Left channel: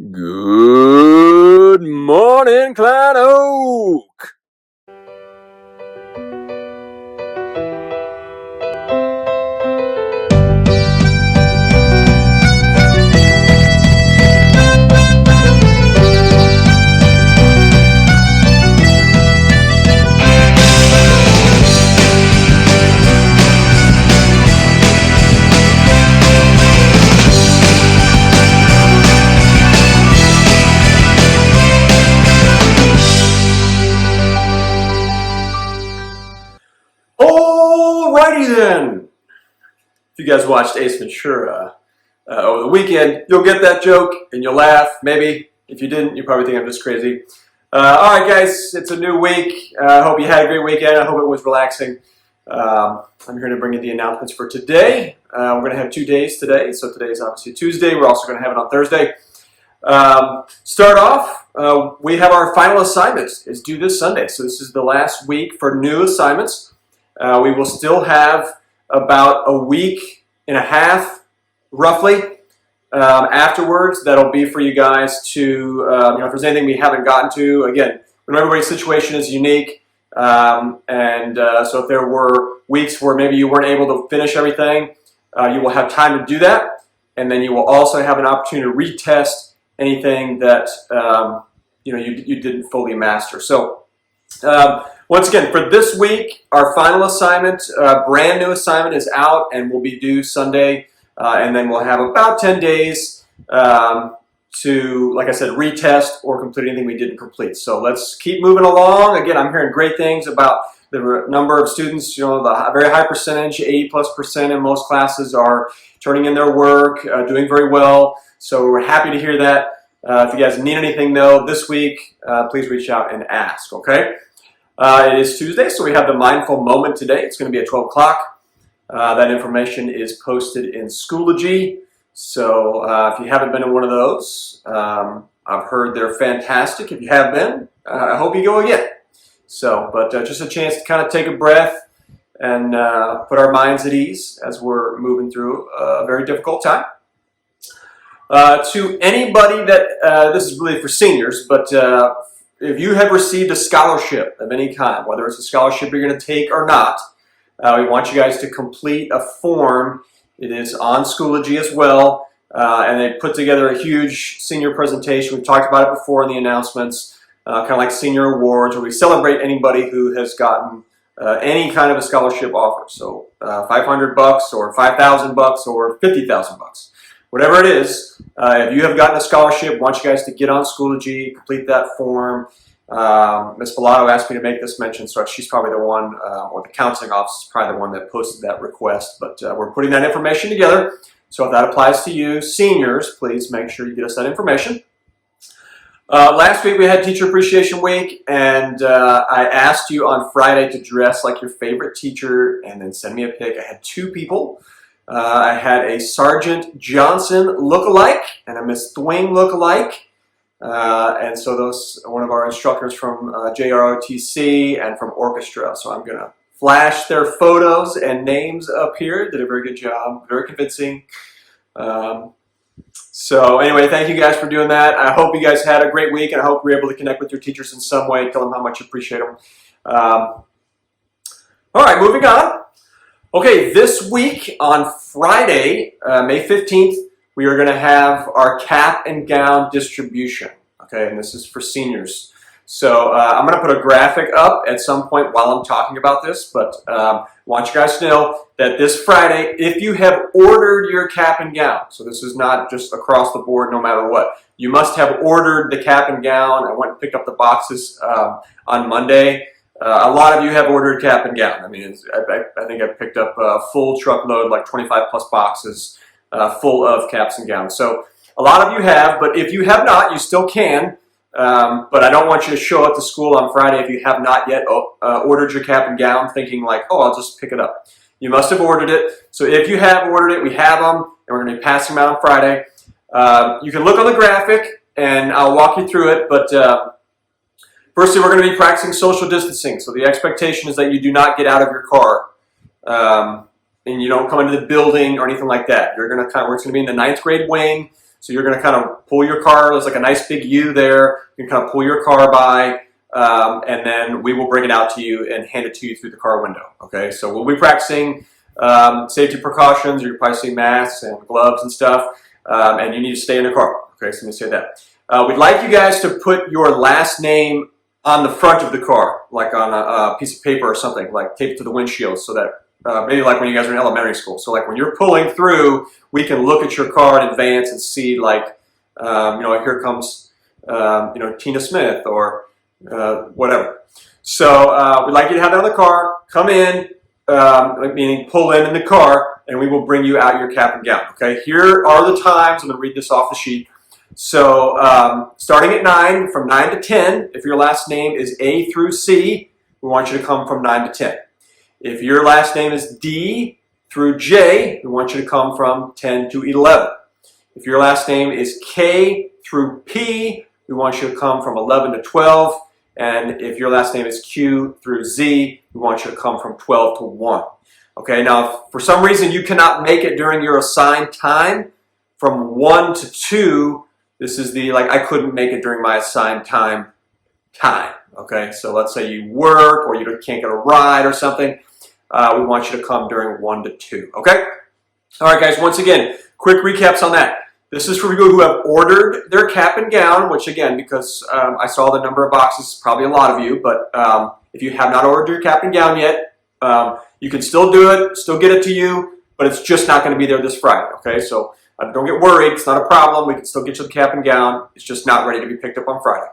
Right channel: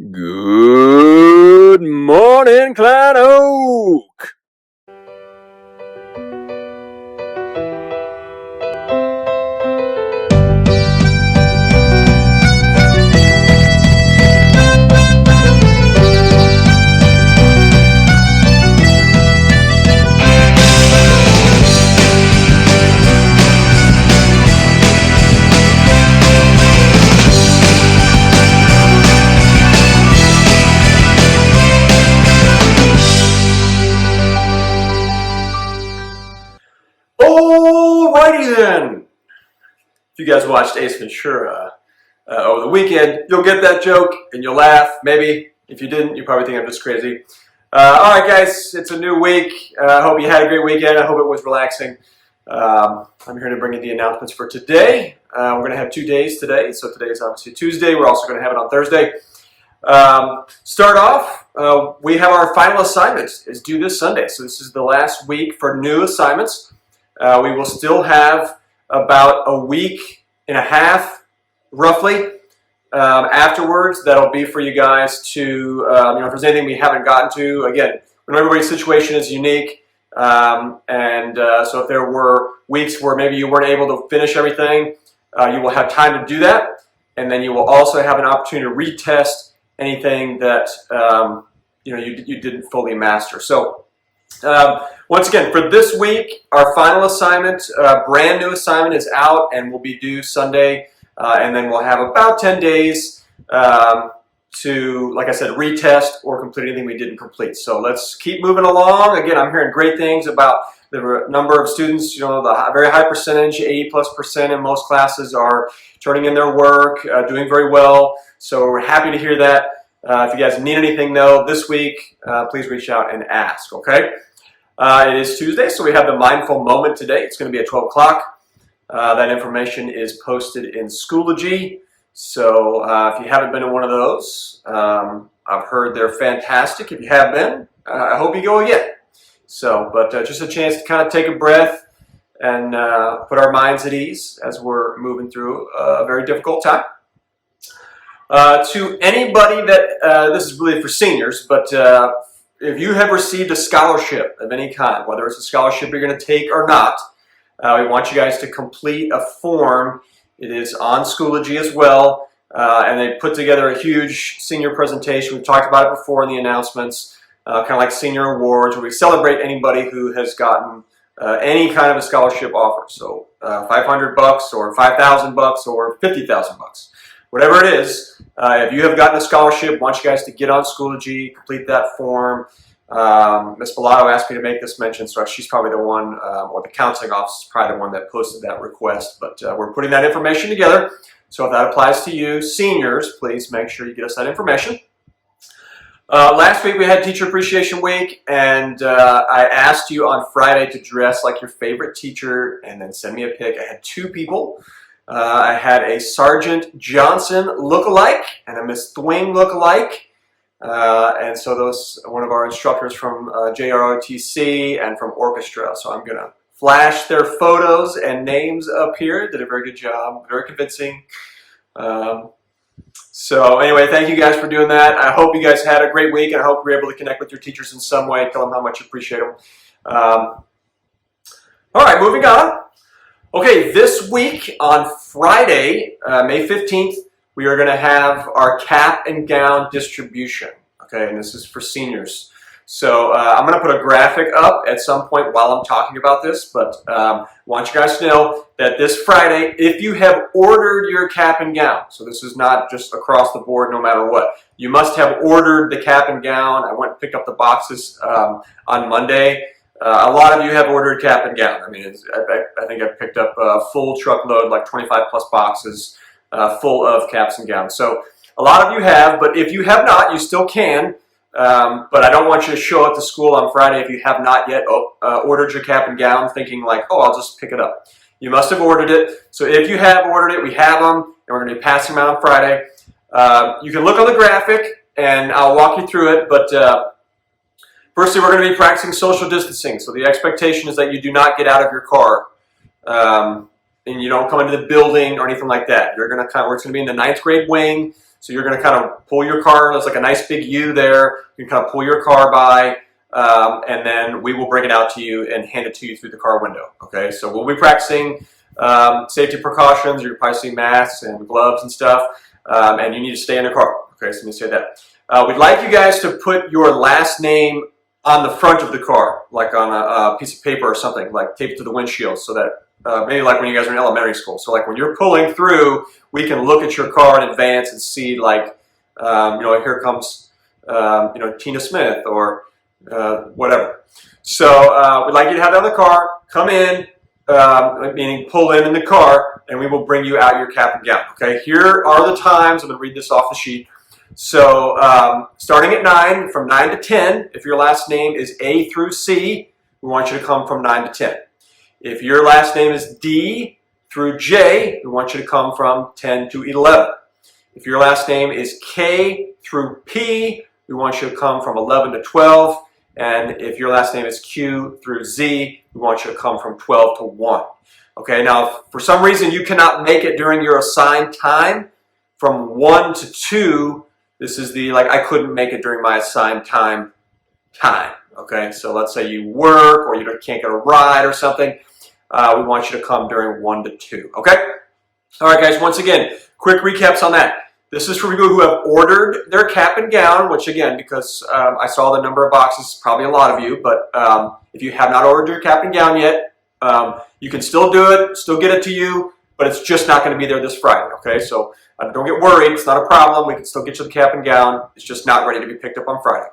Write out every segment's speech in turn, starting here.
Good morning, Klein Oak. Alrighty then. If you guys watched Ace Ventura over the weekend, you'll get that joke and you'll laugh. Maybe. If you didn't, you probably think I'm just crazy. Alright guys, it's a new week. I hope you had a great weekend. I hope it was relaxing. I'm here to bring you the announcements for today. We're going to have 2 days today. So today is obviously Tuesday. We're also going to have it on Thursday. Start off, we have our final assignment is due this Sunday. So this is the last week for new assignments. We will still have about a week and a half, roughly, afterwards. That'll be for you guys to, if there's anything we haven't gotten to. Again, when everybody's situation is unique, so if there were weeks where maybe you weren't able to finish everything, you will have time to do that, and then you will also have an opportunity to retest anything that you didn't fully master. So. Once again, for this week, our final assignment, brand new assignment is out and will be due Sunday. And then we'll have about 10 days to, like I said, retest or complete anything we didn't complete. So let's keep moving along. Again, I'm hearing great things about the number of students, the very high percentage, 80+% in most classes are turning in their work, doing very well. So we're happy to hear that. If you guys need anything, though, this week, please reach out and ask, okay? It is Tuesday, so we have the Mindful Moment today. It's going to be at 12 o'clock. That information is posted in Schoology. So if you haven't been to one of those, I've heard they're fantastic. If you have been, I hope you go again. So, but just a chance to kind of take a breath and put our minds at ease as we're moving through a very difficult time. To anybody that, this is really for seniors, but if you have received a scholarship of any kind, whether it's a scholarship you're going to take or not, we want you guys to complete a form. It is on Schoology as well, and they put together a huge senior presentation. We've talked about it before in the announcements, kind of like senior awards, where we celebrate anybody who has gotten any kind of a scholarship offer. So $500 or $5,000 or $50,000. Whatever it is, if you have gotten a scholarship, I want you guys to get on Schoology, complete that form. Ms. Bellato asked me to make this mention, so she's probably the one, or the counseling office is probably the one that posted that request. But we're putting that information together. So if that applies to you, seniors, please make sure you get us that information. Last week we had Teacher Appreciation Week, and I asked you on Friday to dress like your favorite teacher and then send me a pic. I had 2 people. I had a Sergeant Johnson lookalike and a Miss Thwing lookalike. And so those, one of our instructors from JROTC and from orchestra. So I'm going to flash their photos and names up here. Did a very good job, very convincing. So anyway, thank you guys for doing that. I hope you guys had a great week, and I hope you're able to connect with your teachers in some way. Tell them how much you appreciate them. All right, moving on. Okay, this week on Friday, May 15th, we are going to have our cap and gown distribution. Okay, and this is for seniors. So I'm going to put a graphic up at some point while I'm talking about this, but I want you guys to know that this Friday, if you have ordered your cap and gown, so this is not just across the board no matter what, you must have ordered the cap and gown. I went and picked up the boxes on Monday. A lot of you have ordered cap and gown. I mean, I think I picked up a full truckload, like 25+ boxes full of caps and gowns. So a lot of you have, but if you have not, you still can. But I don't want you to show up to school on Friday if you have not yet ordered your cap and gown thinking like, oh, I'll just pick it up. You must have ordered it. So if you have ordered it, we have them, and we're going to be passing them out on Friday. You can look on the graphic, and I'll walk you through it, but firstly, we're going to be practicing social distancing. So the expectation is that you do not get out of your car and you don't come into the building or anything like that. You're going to it's going to be in the 9th grade wing. So you're going to kind of pull your car. There's like a nice big U there. You can kind of pull your car by, and then we will bring it out to you and hand it to you through the car window. Okay, so we'll be practicing safety precautions. You're probably seeing masks and gloves and stuff, and you need to stay in the car. Okay, so let me say that. We'd like you guys to put your last name on the front of the car, like on a piece of paper or something, like tape it to the windshield, so that maybe like when you guys are in elementary school. So like when you're pulling through, we can look at your car in advance and see like, here comes, Tina Smith or whatever. So we'd like you to have that on the car. Come in, meaning pull in the car, and we will bring you out your cap and gown. Okay, here are the times. I'm going to read this off the sheet. So starting at 9, from 9 to 10, if your last name is A through C, we want you to come from 9 to 10. If your last name is D through J, we want you to come from 10 to 11. If your last name is K through P, we want you to come from 11 to 12. And if your last name is Q through Z, we want you to come from 12 to 1. Okay, now if for some reason you cannot make it during your assigned time, from 1 to 2, this is the, like, I couldn't make it during my assigned time. Okay, so let's say you work or you can't get a ride or something. We want you to come during 1 to 2. Okay? All right, guys, once again, quick recaps on that. This is for people who have ordered their cap and gown, which again, because I saw the number of boxes, probably a lot of you, but if you have not ordered your cap and gown yet, you can still do it, still get it to you, but it's just not going to be there this Friday. Okay, so don't get worried. It's not a problem. We can still get you the cap and gown. It's just not ready to be picked up on Friday.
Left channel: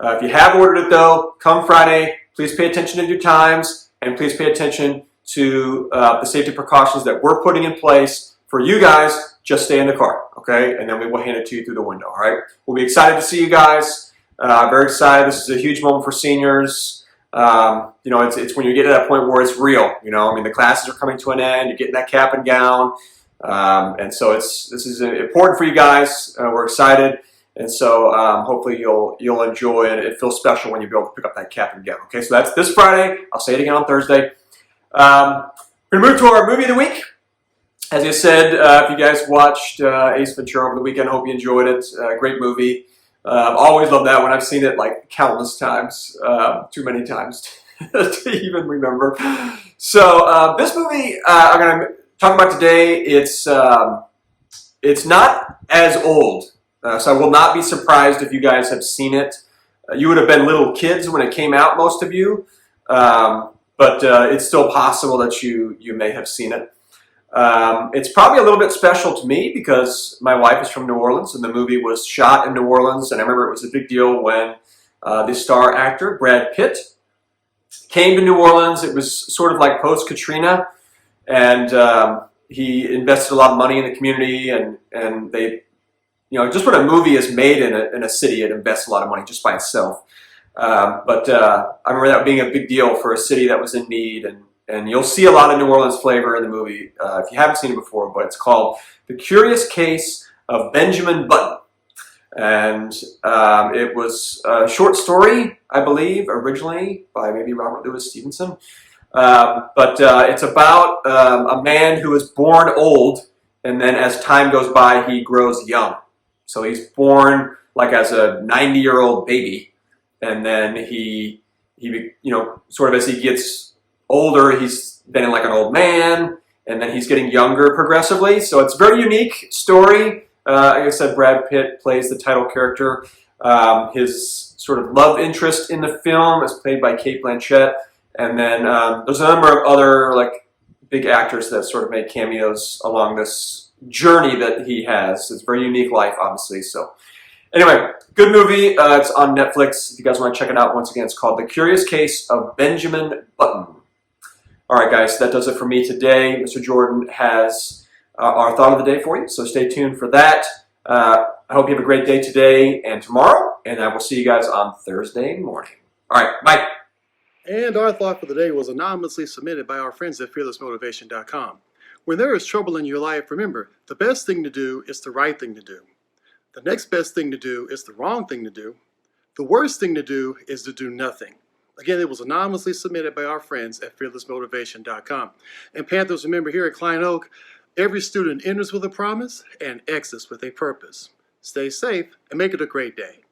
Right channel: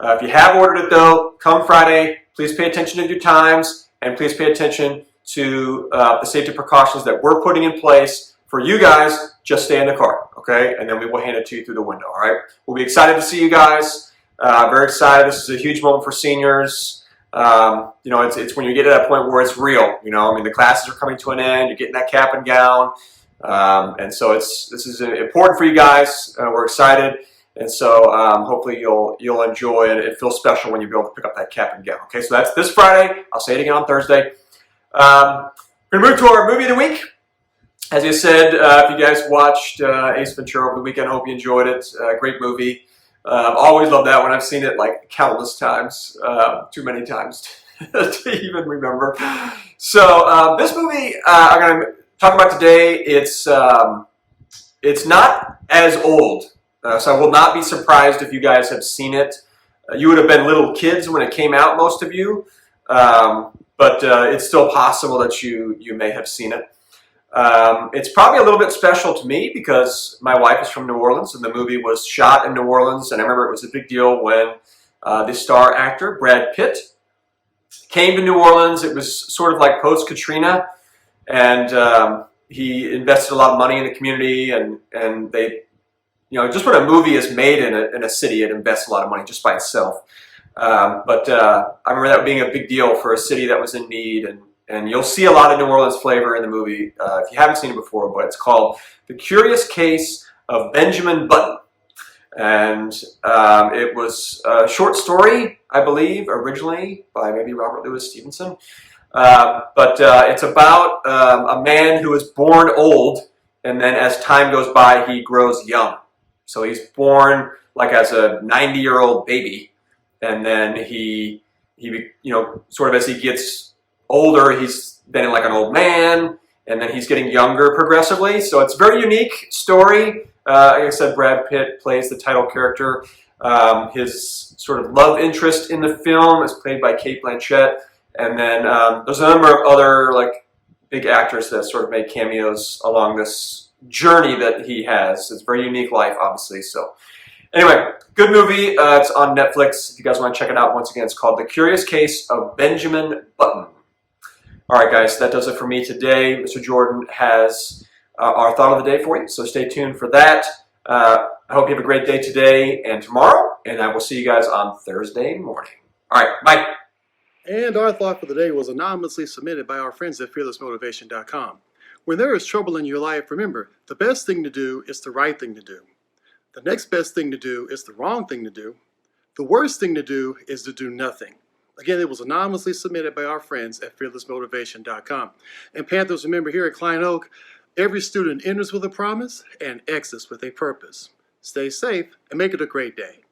If you have ordered it, though, come Friday. Please pay attention to your times, and please pay attention to the safety precautions that we're putting in place for you guys. Just stay in the car, okay? And then we will hand it to you through the window, all right? We'll be excited to see you guys. Very excited. This is a huge moment for seniors. It's when you get to that point where it's real. The classes are coming to an end. You're getting that cap and gown. And so this is important for you guys. We're excited, and so hopefully you'll enjoy it. It feels special when you be able to pick up that cap and gown. Okay, so that's this Friday. I'll say it again on Thursday. We're gonna move to our movie of the week. As I said, if you guys watched Ace Ventura over the weekend, I hope you enjoyed it. Great movie. Always love that one. I've seen it like countless times, too many times to even remember. So this movie I'm gonna talk about today, it's not as old, so I will not be surprised if you guys have seen it. You would have been little kids when it came out, most of you, but it's still possible that you may have seen it. It's probably a little bit special to me because my wife is from New Orleans, and the movie was shot in New Orleans, and I remember it was a big deal when the star actor, Brad Pitt, came to New Orleans. It was sort of like post-Katrina. And he invested a lot of money in the community, and they, just when a movie is made in a city, it invests a lot of money just by itself. But I remember that being a big deal for a city that was in need, and you'll see a lot of New Orleans flavor in the movie if you haven't seen it before. But it's called The Curious Case of Benjamin Button, and it was a short story, I believe, originally by maybe Robert Louis Stevenson. But it's about a man who is born old, and then as time goes by, he grows young. So he's born like as a 90-year-old baby, and then he sort of as he gets older, he's then like an old man, and then he's getting younger progressively. So it's a very unique story. Like I said, Brad Pitt plays the title character. His sort of love interest in the film is played by Cate Blanchett. And then there's a number of other like big actors that sort of made cameos along this journey that he has. It's a very unique life, obviously. So anyway, good movie. It's on Netflix. If you guys want to check it out, once again, it's called The Curious Case of Benjamin Button. All right, guys, that does it for me today. Mr. Jordan has our thought of the day for you, so stay tuned for that. I hope you have a great day today and tomorrow, and I will see you guys on Thursday morning. All right, bye. And our thought for the day was anonymously submitted by our friends at fearlessmotivation.com. When there is trouble in your life, remember, the best thing to do is the right thing to do. The next best thing to do is the wrong thing to do. The worst thing to do is to do nothing. Again, it was anonymously submitted by our friends at fearlessmotivation.com. And Panthers, remember, here at Klein Oak, every student enters with a promise and exits with a purpose. stay safe, and make it a great day.